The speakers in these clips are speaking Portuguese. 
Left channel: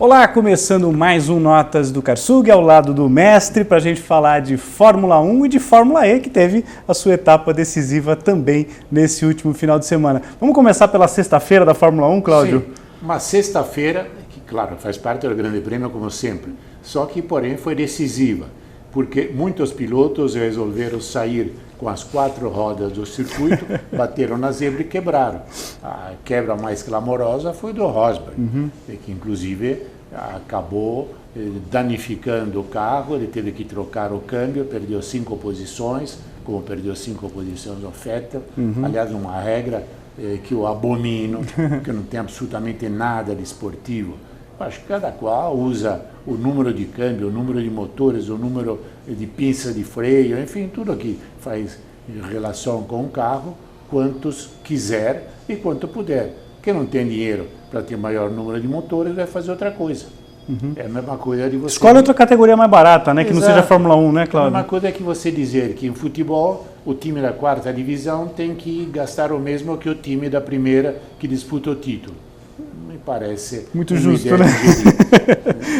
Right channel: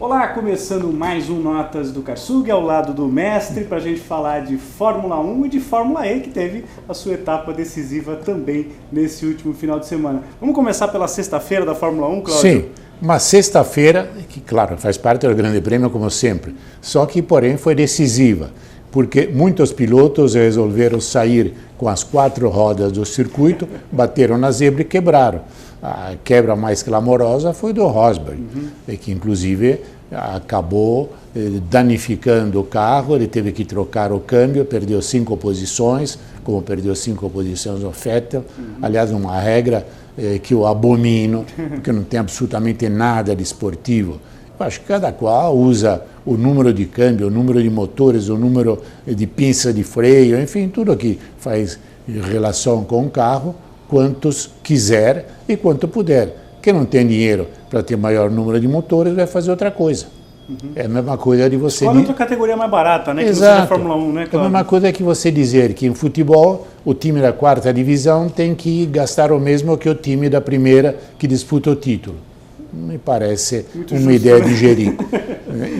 Olá, começando mais um Notas do Karsug, ao lado do mestre, para a gente falar de Fórmula 1 e de Fórmula E, que teve a sua etapa decisiva também nesse último final de semana. Vamos começar pela sexta-feira da Fórmula 1, Cláudio? Sim, uma sexta-feira que, claro, faz parte do Grande Prêmio, como sempre, só que, porém, foi decisiva, porque muitos pilotos resolveram sair com as 4 rodas do circuito, bateram na zebra e quebraram. A quebra mais clamorosa foi do Rosberg, que inclusive acabou danificando o carro, ele teve que trocar o câmbio, perdeu 5 posições, como perdeu 5 posições no Vettel. Aliás, uma regra que eu abomino, porque não tem absolutamente nada de esportivo. Eu acho que cada qual usa o número de câmbio, o número de motores, o número de pinça de freio, enfim, tudo que faz relação com o carro, quantos quiser e quanto puder. Quem não tem dinheiro para ter maior número de motores vai fazer outra coisa. É a mesma coisa de você... Escolhe outra categoria mais barata, né? Que não seja a Fórmula 1, né, Cláudio? A mesma coisa é que você dizer que em futebol o time da 4ª divisão tem que gastar o mesmo que o time da 1ª que disputa o título. Me parece muito uma justo, ideia né? digerida.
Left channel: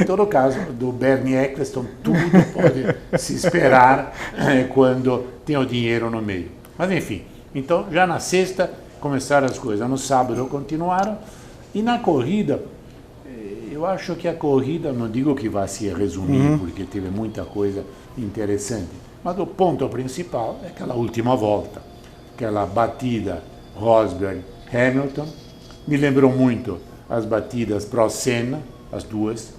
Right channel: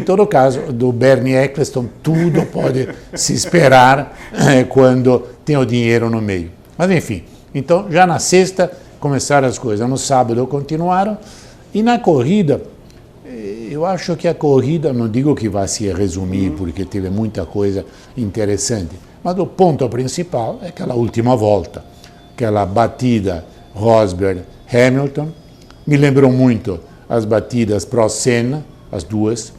Em todo caso, do Bernie Eccleston, tudo pode se esperar quando tem o dinheiro no meio. Mas enfim, então já na sexta começaram as coisas, no sábado continuaram, e na corrida, eu acho que a corrida, não digo que vai se resumir, porque teve muita coisa interessante, mas o ponto principal é aquela última volta, aquela batida Rosberg-Hamilton. Me lembrou muito as batidas Prost-Senna, as duas,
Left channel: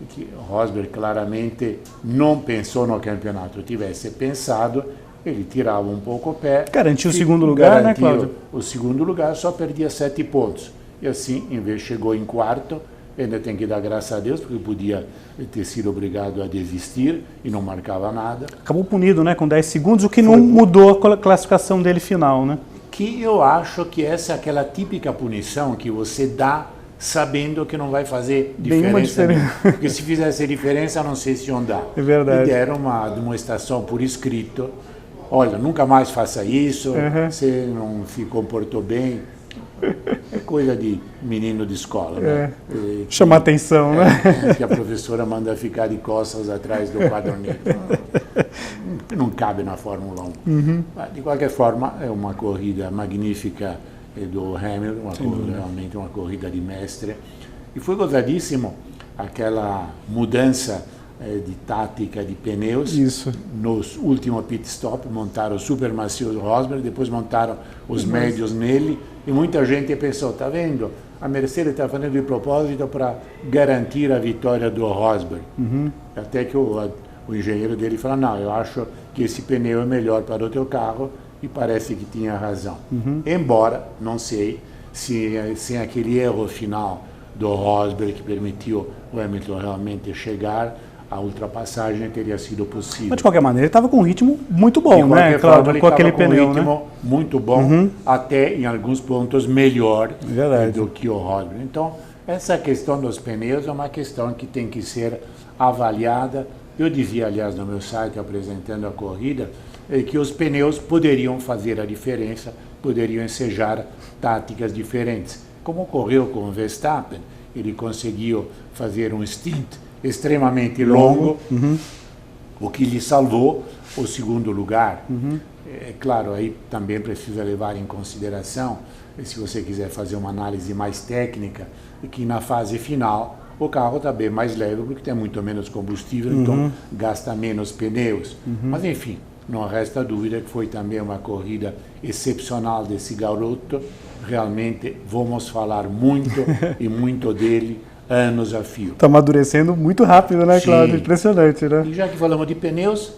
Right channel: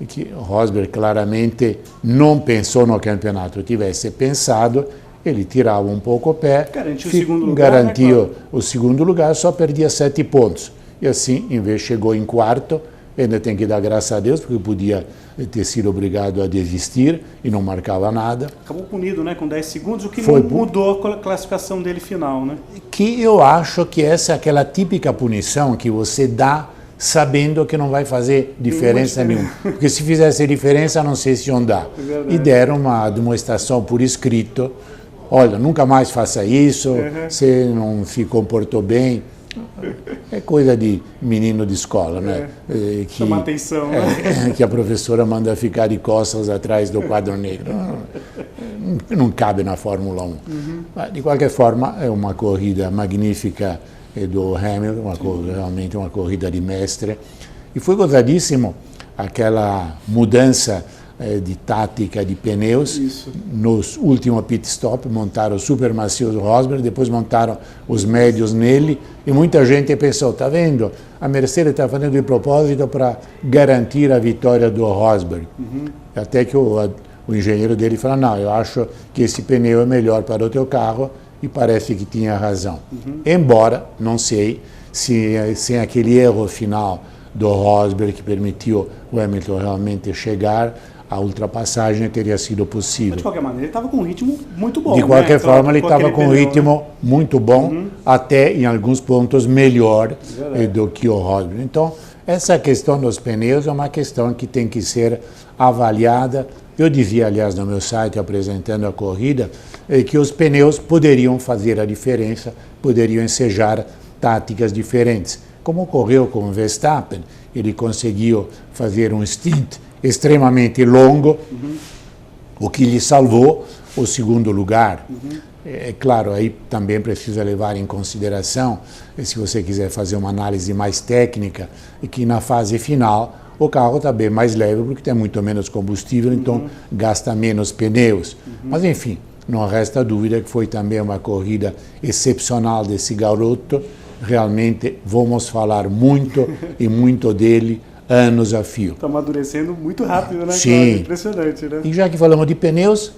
e que Rosberg claramente não pensou no campeonato. Tivesse pensado, ele tirava um pouco o pé. Garantiu o segundo lugar, garantiu né, o segundo lugar, só perdia 7 pontos. E assim, em vez chegou em quarto, ainda tem que dar graças a Deus, porque podia ter sido obrigado a desistir e não marcava nada. Acabou punido, né, com 10 segundos, o que não mudou a classificação dele final, né? Que eu acho que essa é aquela típica punição que você dá sabendo que não vai fazer diferença nenhuma. Porque se fizesse diferença, não sei se iam dar. É verdade. E deram uma demonstração por escrito. Olha, nunca mais faça isso, você não se comportou bem. É coisa de menino de escola, né? Chamar atenção, né? Que a professora manda ficar de costas atrás do quadro negro. Não cabe na Fórmula 1. Mas, de qualquer forma, é uma corrida magnífica do Hamilton, realmente uma corrida de mestre. E foi gozadíssimo aquela mudança de tática de pneus. Isso. Nos últimos pit stop montaram super macios Rosberg, depois montaram os médios nele, e muita gente pensou, tá vendo, a Mercedes está fazendo de propósito para garantir a vitória do Rosberg. Até que o engenheiro dele falou, não, eu acho que esse pneu é melhor para o teu carro, e parece que tinha razão. Embora, não sei, se sem aquele erro final do Rosberg que permitiu o Hamilton realmente chegar, a ultrapassagem teria sido possível. Mas, de qualquer maneira, ele estava com um ritmo muito bom, de qualquer forma, ele estava com um pneu, ritmo muito bom, até em alguns pontos melhor do que o Rosberg. Então, essa questão dos pneus é uma questão que tem que ser avaliada. Eu dizia, aliás, no meu site, apresentando a corrida, que os pneus poderiam fazer a diferença, poderiam ensejar táticas diferentes. Como ocorreu com o Verstappen, ele conseguiu fazer um stint extremamente longo, o que lhe salvou o segundo lugar. É claro, aí também precisa levar em consideração, se você quiser fazer uma análise mais técnica, que na fase final o carro está bem mais leve porque tem muito menos combustível, então gasta menos pneus. Mas enfim, não resta dúvida que foi também uma corrida excepcional desse garoto. Realmente vamos falar muito e muito dele anos a fio. Está amadurecendo muito rápido, né, Sim. Cláudio? Impressionante, né? E já que falamos de pneus,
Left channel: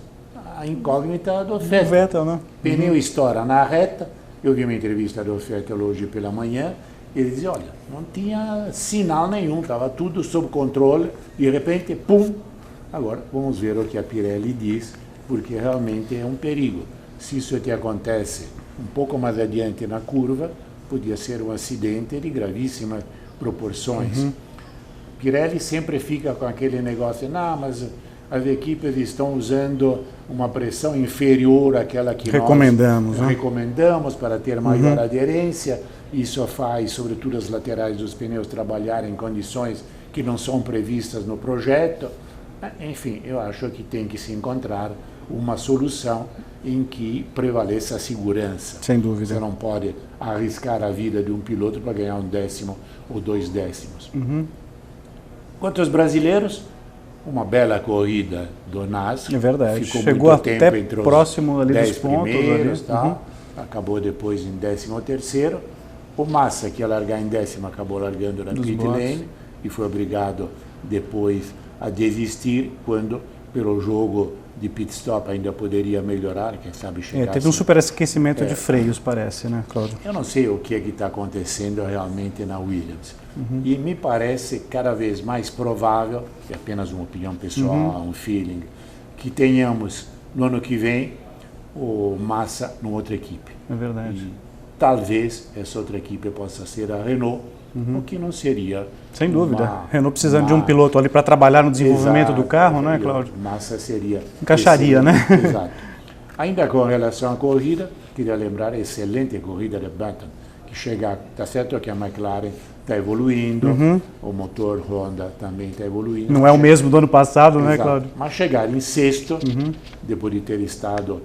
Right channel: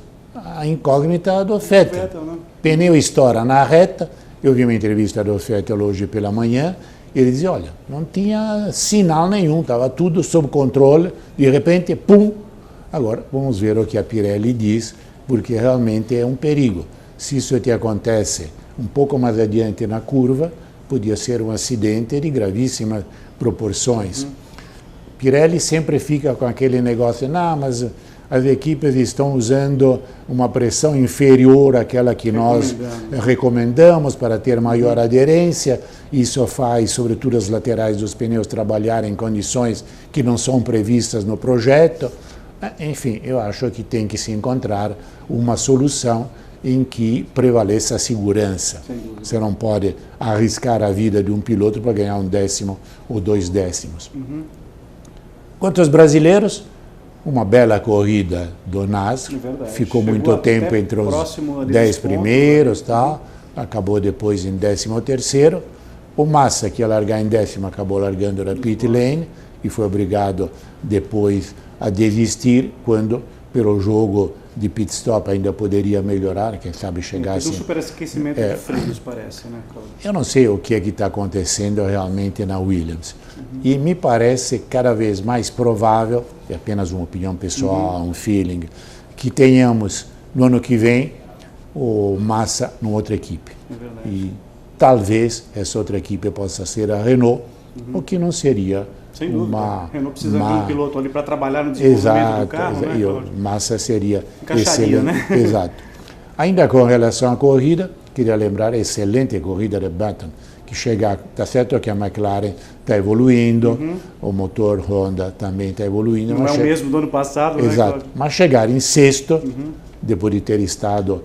a incógnita do Vettel. Vettel, né? Pneu estoura na reta. Eu vi uma entrevista do Vettel hoje pela manhã. Ele dizia, olha, não tinha sinal nenhum, estava tudo sob controle. De repente, pum! Agora, vamos ver o que a Pirelli diz, porque realmente é um perigo. Se isso te acontece um pouco mais adiante na curva, podia ser um acidente de gravíssimas proporções. Pirelli sempre fica com aquele negócio, não, mas as equipes estão usando uma pressão inferior àquela que nós recomendamos para ter maior aderência. Isso faz, sobretudo, as laterais dos pneus trabalharem em condições que não são previstas no projeto. Enfim, eu acho que tem que se encontrar uma solução em que prevaleça a segurança. Sem dúvida. Você não pode arriscar a vida de um piloto para ganhar 1 décimo ou 2 décimos. Quanto aos brasileiros, uma bela corrida do Nas. É verdade. Ficou Chegou muito tempo entre os 10 primeiros, acabou depois em 13º. O Massa, que ia largar em 10º, acabou largando na pit lane e foi obrigado depois a desistir quando, pelo jogo de pit stop, ainda poderia melhorar, quem sabe chegar. Teve um superaquecimento de freios, parece, né, Cláudio? Eu não sei o que está acontecendo realmente na Williams. E me parece cada vez mais provável, é apenas uma opinião pessoal, um feeling, que tenhamos no ano que vem o Massa numa outra equipe. É verdade. E talvez essa outra equipe possa ser a Renault, o que não seria. Sem dúvida. A Renault precisando de um piloto ali para trabalhar no desenvolvimento do carro, né, Cláudio? Massa seria. Encaixaria, né? Exato. Ainda com relação à corrida, queria lembrar a excelente corrida de Button, que chega, está certo que a McLaren está evoluindo, o motor Honda também está evoluindo. Não é o mesmo do ano passado, exato, né, Cláudio? Mas chegar em sexto, depois de ter estado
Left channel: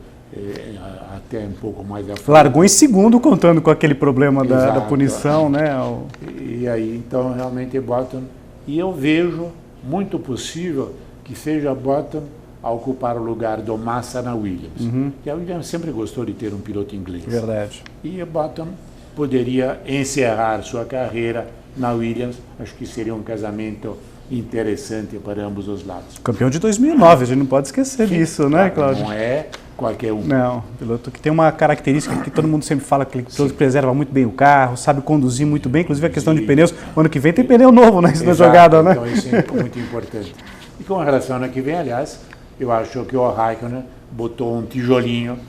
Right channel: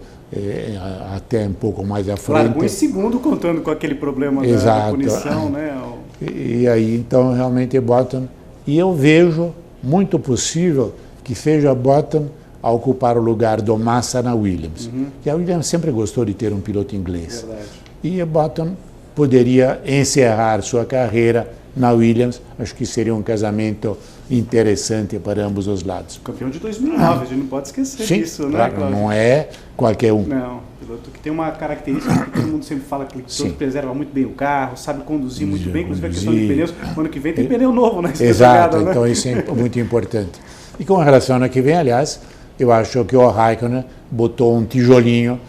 até um pouco mais à frente. Largou em segundo, contando com aquele problema da punição, né? E aí, então, realmente Button. E eu vejo muito possível que seja Button a ocupar o lugar do Massa na Williams. Que a Williams sempre gostou de ter um piloto inglês. Verdade. E Button poderia encerrar sua carreira na Williams. Acho que seria um casamento interessante para ambos os lados. Campeão de 2009, a gente não pode esquecer disso, né, Cláudio? Não é qualquer um. Não, piloto que tem uma característica que todo mundo sempre fala, que todo preserva muito bem o carro, sabe conduzir muito bem, inclusive a questão de pneus. O ano que vem tem pneu novo nessa jogada, né? Então isso é muito importante. E com relação ao ano que vem, aliás, eu acho que o Raikkonen botou um tijolinho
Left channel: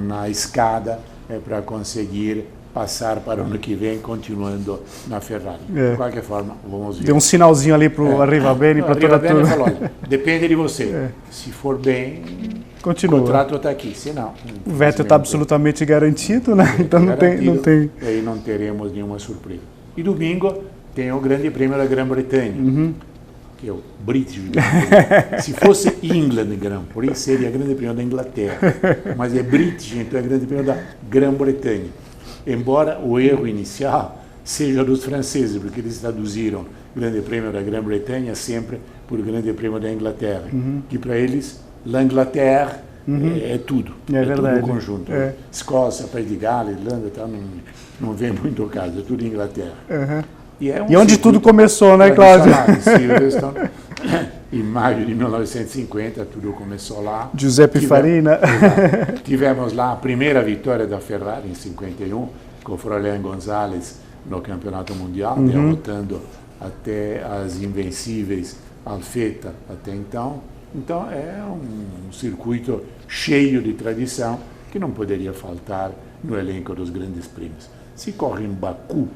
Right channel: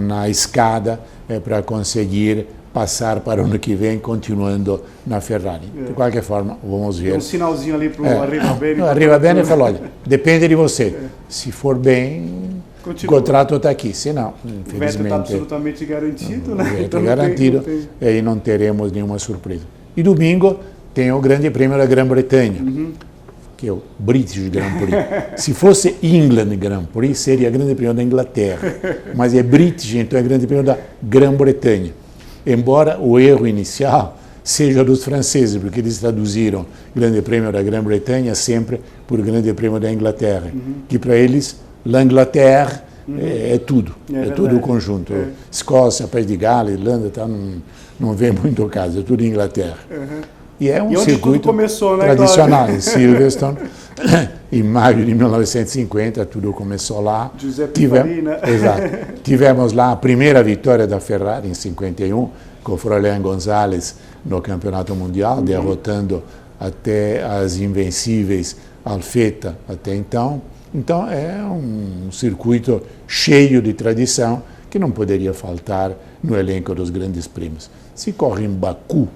na escada para conseguir passar para o ano que vem, continuando na Ferrari. De qualquer forma, vamos ver. Tem um sinalzinho ali para o Arrivabene. O Arrivabene falou, olha, depende de você. Se for bem, o contrato está aqui. Se não, o Vettel está absolutamente garantido, né? Então não tem. E aí não teremos nenhuma surpresa. E domingo tem o Grande Prêmio da Grã-Bretanha, que é o British Grand Prix. Se fosse England Grand Prix, seria Grande Prêmio da Inglaterra. Mas é British, então é Grande Prêmio da Grã-Bretanha. Embora o erro inicial seja dos franceses, porque eles traduziram Grande Prêmio da Grã-Bretanha sempre por Grande Prêmio da Inglaterra, que para eles, l'Angleterre é tudo, todo o conjunto. Escócia, País de Gales, Irlanda, tá, não vê muito o caso, é tudo Inglaterra. E é um onde tudo começou, né, tradicional, em Silverstone, em maio de 1950, tudo começou lá. Giuseppe Farina. Exato. Tivemos lá a primeira vitória da Ferrari em 51, com o Froilán González no Campeonato Mundial, derrotando até as invencíveis Alfetta até então. Então é um circuito cheio de tradição que não poderia faltar no elenco dos grandes prêmios. Se corre em Baku...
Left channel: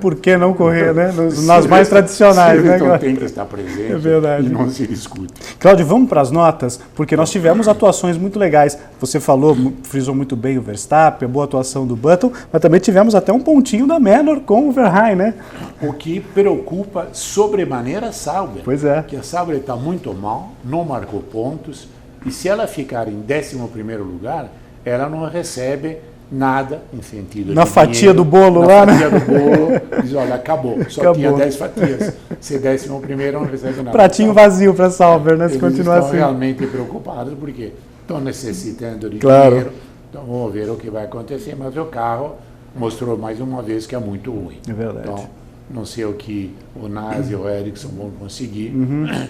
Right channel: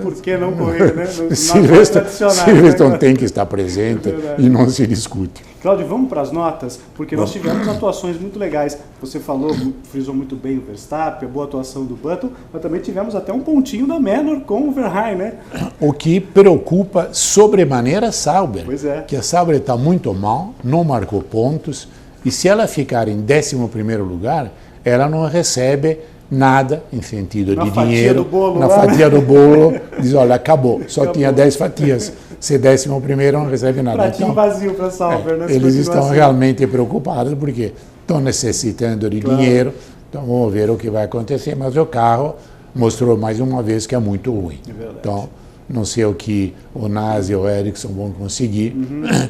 Por que não correr, né? Nas mais tradicionais. Silverstone tem que estar presente e não se discute. Cláudio, vamos para as notas, porque nós tivemos atuações muito legais. Você falou, frisou muito bem o Verstappen, a boa atuação do Button, mas também tivemos até um pontinho da Manor com o Verheyen, né? O que preocupa sobremaneira a Sauber. Pois é. Que a Sauber está muito mal, não marcou pontos, e se ela ficar em 11º lugar, ela não recebe nada em sentido na de fatia dinheiro, do bolo, na lá, fatia do bolo, diz, olha, acabou, só tinha 10 fatias, ser 11º não recebe nada. Pratinho então, vazio para a Sauber, né? Eles estão realmente preocupados porque estão necessitando de dinheiro, então vamos ver o que vai acontecer, mas o carro mostrou mais uma vez que é muito ruim. É verdade. Então, não sei o que o Nas e o Ericsson vão conseguir,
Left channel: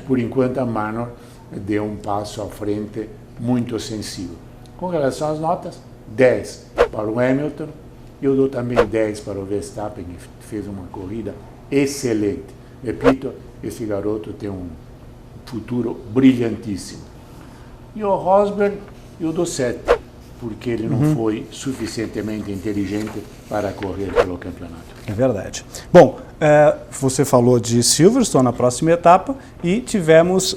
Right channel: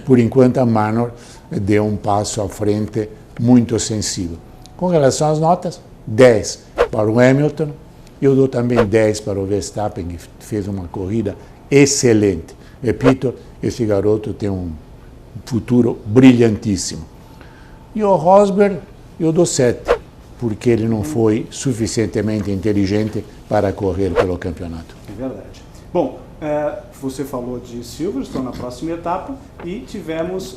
por enquanto a Manor deu um passo à frente muito sensível. Com relação às notas, 10 para o Hamilton, eu dou também 10 para o Verstappen, que fez uma corrida excelente. Repito, esse garoto tem um futuro brilhantíssimo. E o Rosberg, eu dou 7, porque ele não foi suficientemente inteligente para correr pelo campeonato. É verdade. Bom, Você falou de Silverstone na próxima etapa e tivemos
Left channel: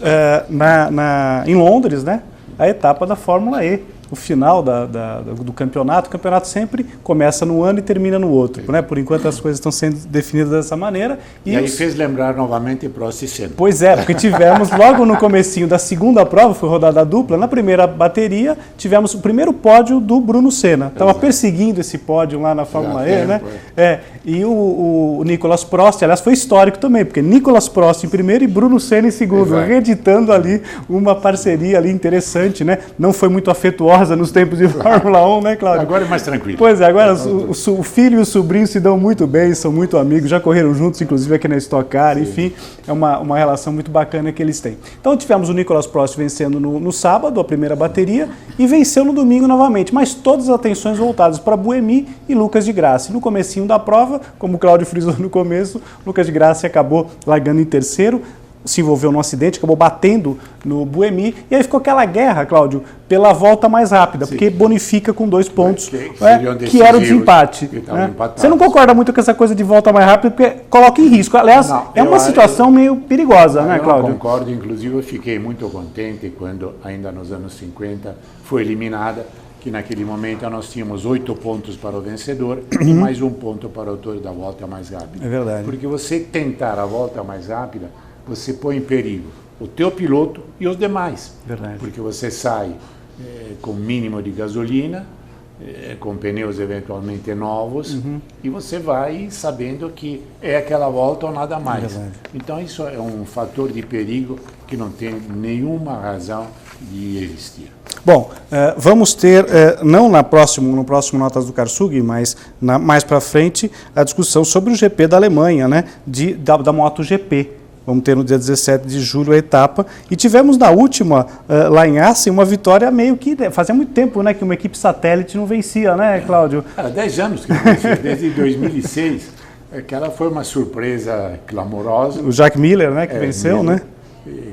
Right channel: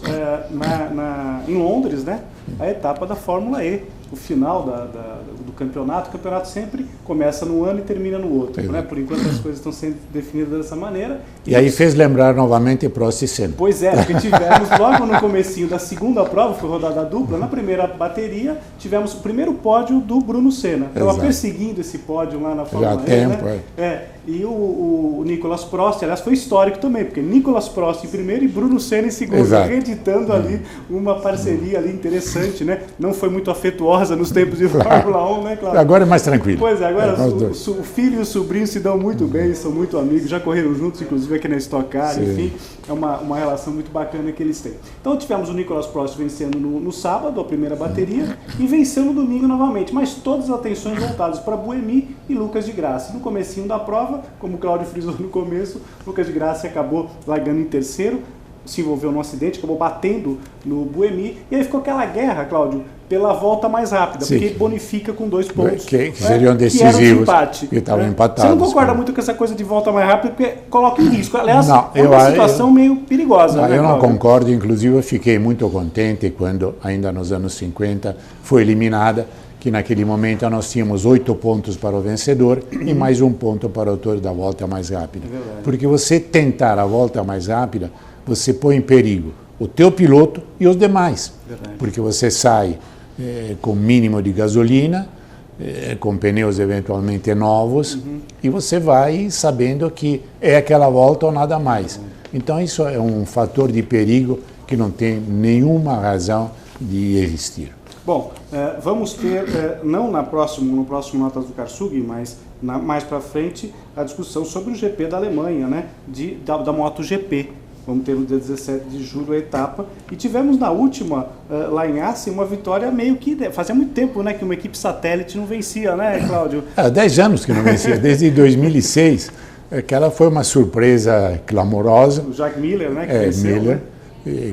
em Londres, né, a etapa da Fórmula E. O final do campeonato. O campeonato sempre começa num ano e termina no outro, né? Por enquanto as coisas estão sendo definidas dessa maneira. E aí fez lembrar novamente Prost e Senna. Pois é, porque tivemos logo no comecinho da segunda prova, foi rodada dupla, na primeira bateria tivemos o primeiro pódio do Bruno Senna. Estava perseguindo esse pódio lá na Fórmula E, né? E o Nicolas Prost, aliás, foi histórico também, porque Nicolas Prost em primeiro e Bruno Senna em segundo, reeditando ali uma parceria ali interessante, né? Não foi muito afetuosa nos tempos de Fórmula 1, né, Cláudio? Agora é mais tranquilo. Pois é, agora o filho e o sobrinho se dão muito bem, são muito amigos, já correram juntos, inclusive aqui na Stock Car, enfim, é uma relação muito bacana que eles têm. Então tivemos o Nicolas Prost vencendo no sábado, a primeira bateria, e venceu no domingo novamente, mas todas as atenções voltadas para Buemi e Lucas de Grassi. No comecinho da prova, como o Cláudio frisou no começo, Lucas de Grassi acabou largando em terceiro, se envolveu num acidente, acabou batendo no Buemi, e aí ficou aquela guerra, Cláudio, pela volta mais rápida, porque bonifica com 2 pontos, que era de empate. Você não concorda muito com essa coisa de volta mais rápida, porque coloca em risco. Aliás, é uma situação meio perigosa, né, Cláudio? Eu não concordo, inclusive eu fiquei muito contente quando, ainda nos anos 50, foi eliminada, que naquele momento nós tínhamos 8 pontos para o vencedor e mais 1 ponto para o autor da volta mais rápida. É verdade. Porque você tentar a volta mais rápida, você põe em perigo o teu piloto e os demais. Verdade. Porque você sai com mínimo de gasolina, com pneus eventualmente novos, e você vai sabendo que é aquela volta ou nada mais. Verdade. Então isso é um fator de perigo que não tem nenhuma razão de existir. Bom, vamos ter, não no próximo Notas do Karsug, mas mais para frente, a discussão sobre o GP da Alemanha, né, da MotoGP. Vamos ter no dia 17 de julho a etapa. E tivemos na última, lá em Assen, uma vitória meio que... Fazia muito tempo, né, que uma equipe satélite não vencia, né, Cláudio? 10 anos que não vencia, desde 2006. Aquela foi uma surpresa clamorosa. O Jack Miller, né, que venceu, Miller, né?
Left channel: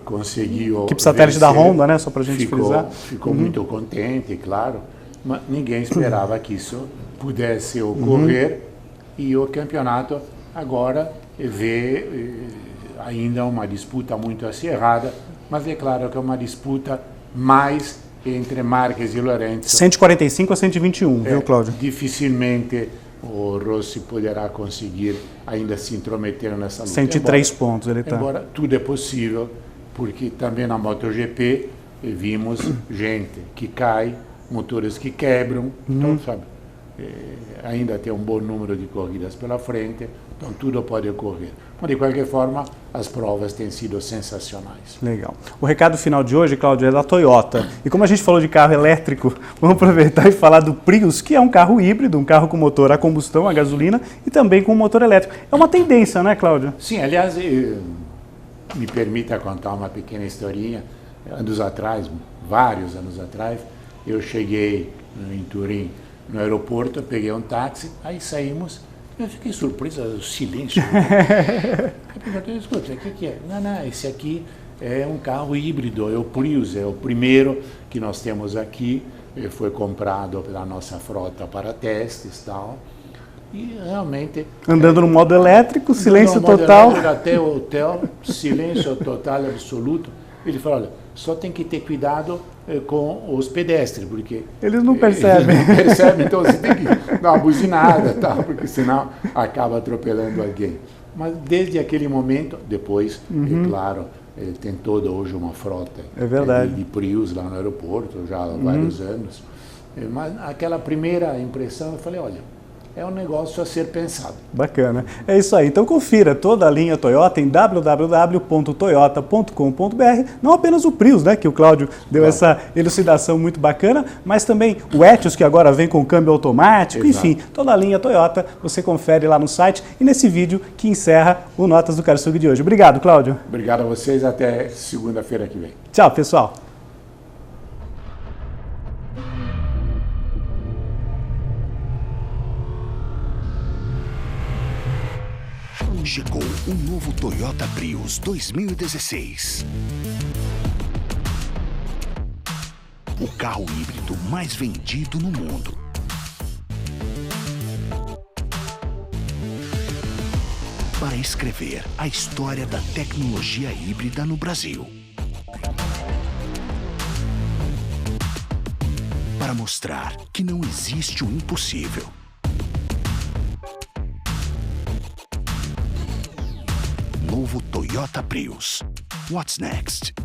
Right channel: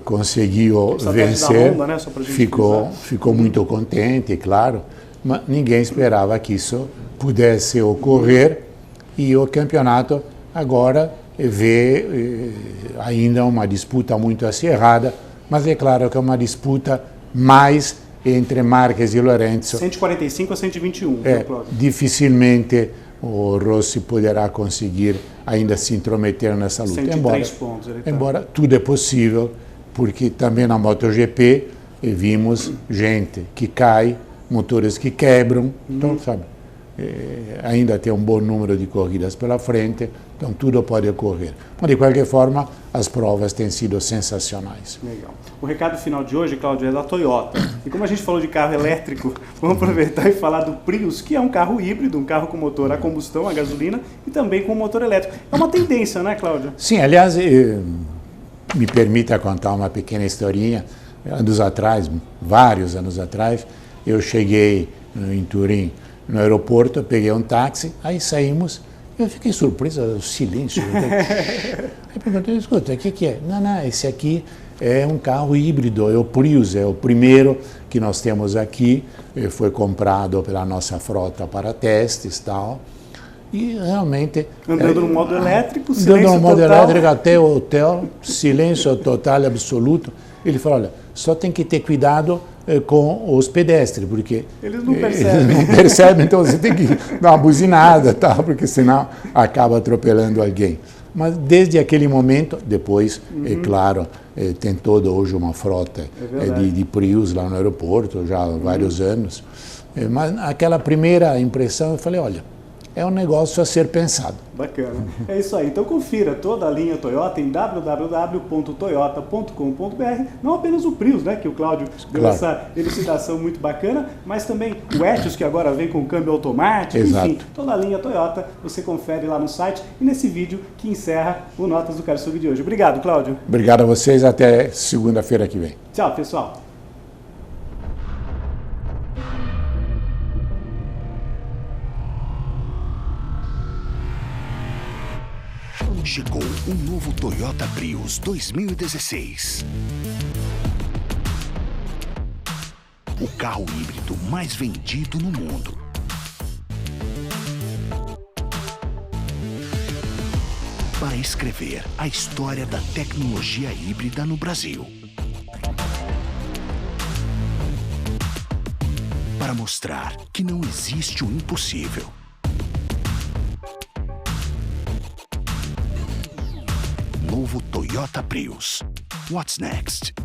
Conseguiu equipe satélite vencer. Da Honda, né, só pra gente frisar. Ficou muito contente, claro. Mas ninguém esperava que isso pudesse ocorrer. E o campeonato agora vê ainda uma disputa muito acirrada, mas é claro que é uma disputa mais entre Marques e Lorenzo. 145 a 121, viu, Cláudio? Dificilmente o Rossi poderá conseguir ainda se intrometer nessa luta. 103 pontos ele está. Embora tudo é possível, porque também na MotoGP vimos gente que cai, motores que quebram, então, sabe, ainda tem um bom número de corridas pela frente, então tudo pode ocorrer. Mas, de qualquer forma, as provas têm sido sensacionais. Legal. O recado final de hoje, Cláudio, é da Toyota. E como a gente falou de carro elétrico, vamos aproveitar e falar do Prius, que é um carro híbrido, um carro com motor a combustão, a gasolina, e também com motor elétrico. É uma tendência, né, Cláudio? Sim, aliás, me permita contar uma pequena historinha. Anos atrás, vários anos atrás, eu cheguei em Turim, no aeroporto, peguei um táxi, aí saímos. Eu fiquei surpreso, o silêncio. Eu perguntei, escuta, o que é? Não, esse aqui é um carro híbrido, é o Prius, é o primeiro que nós temos aqui, foi comprado pela nossa frota para testes e tal. E realmente... Andando no modo elétrico, silêncio total. Andando no modo elétrico até o hotel, silêncio total, absoluto. Ele falou, olha, só tem que ter cuidado com os pedestres, porque... Eles não percebem. Não percebem, então você tem que dar uma buzinada, tá? Porque senão acaba atropelando alguém. Mas desde aquele momento, depois, é claro, tem toda hoje uma frota de Prius lá no aeroporto, já há vários anos. Mas aquela primeira impressão, eu falei, olha, é um negócio a ser pensado. Bacana. É isso aí. Então confira toda a linha Toyota em www.toyota.com.br. Não apenas o Prius, né, que o Cláudio deu essa elucidação muito bacana, mas também o Etios, que agora vem com câmbio automático. Exato. Enfim, toda a linha Toyota você confere lá no site e nesse vídeo que encerra o Notas do Karsug de hoje. Obrigado, Cláudio. Obrigado a vocês. Até segunda-feira que vem. Tchau, pessoal. Chegou o novo Toyota Prius 2016. O carro híbrido mais vendido no mundo. Para reescrever a história da tecnologia híbrida no Brasil. Para mostrar que não existe o impossível. Novo Toyota Prius. What's next?